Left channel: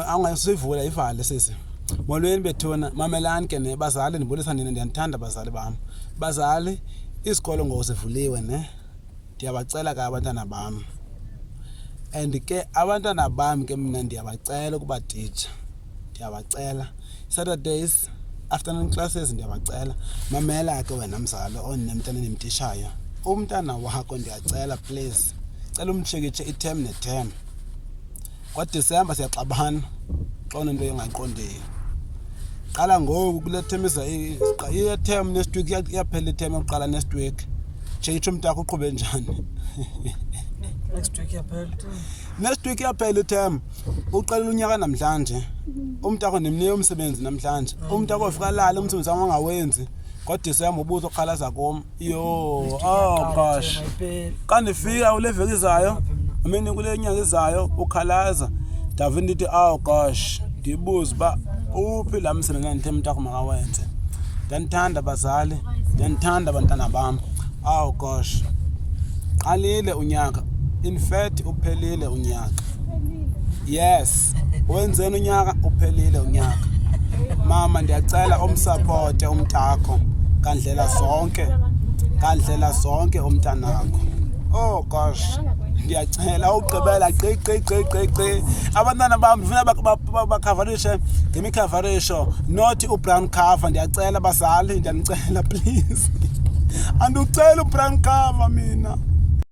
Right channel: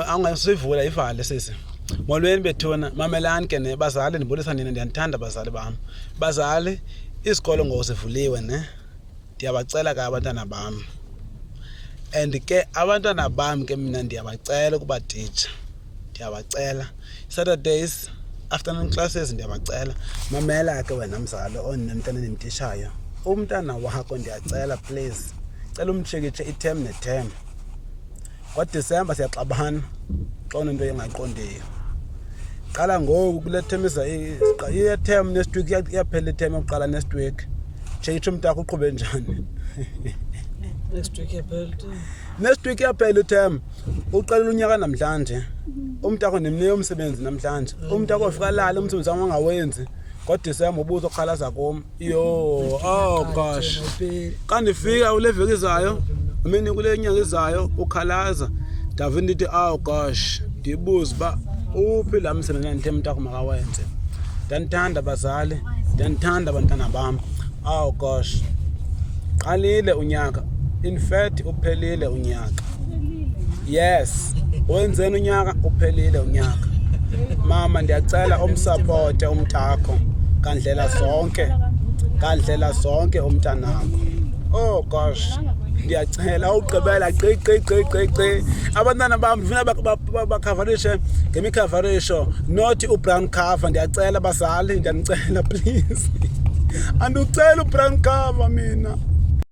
angasivula ivale sisi. Molweni bethuna mamelani ke ne bazali ndibulisa nina ndiyanthanda bazali bam. Bazali isikolo ngosivuliwe ne. Ndiyabacela ka abantwana bam. And ke abantwana bam ke mina ndiyabacela kuba teacher. Ndiyabacela Saturdays afternoon classes ndiyabacela mamela ke wena mzali onemntana nemtishayo. Umntana wakho ndiyacela please. Cela umshekitshe i-term ne-term. Kwa-December siyaxabana xona into engayiqondiyo. Qala ngoku kule term i-term next week iyaphela i-term yokuqala next week. Tshekitshe umntakho uqhube njani. Next week iyaphela. Next week iyaphela i-term. Uqalela unyaka namhlanje. Umntakho nimnike umsebenzi namhlanje. Umntakho ofika lala umsebenzi wami angawenzi. Ngo-December ubuzo okhalaza kum. Yo, oh gosh. Kanifika kule veki izayo, mina kule nyanga izayo ukhalaza. David ndithi oh gosh, ndibuza ba uphi la msebenzi ngithe umntakho makawenze. Ndanithanda bazali, ndanithanda abantwana bam. Oh gosh. Qalile unyaka. In fact uphelile unyaka. Yes. Wenzeni unyaka uphelile unyaka. Mama ndiyacela umsupport umntakho kandlela zonke umntanakho. Oh gosh ndiyacela ugqibela gqi abantwana bam ndifuna bakhavarishe ngemikhavarisho not ubrown cover. Ndiyacela bazali ndiyanicela please. Anducela ubrown cover mina.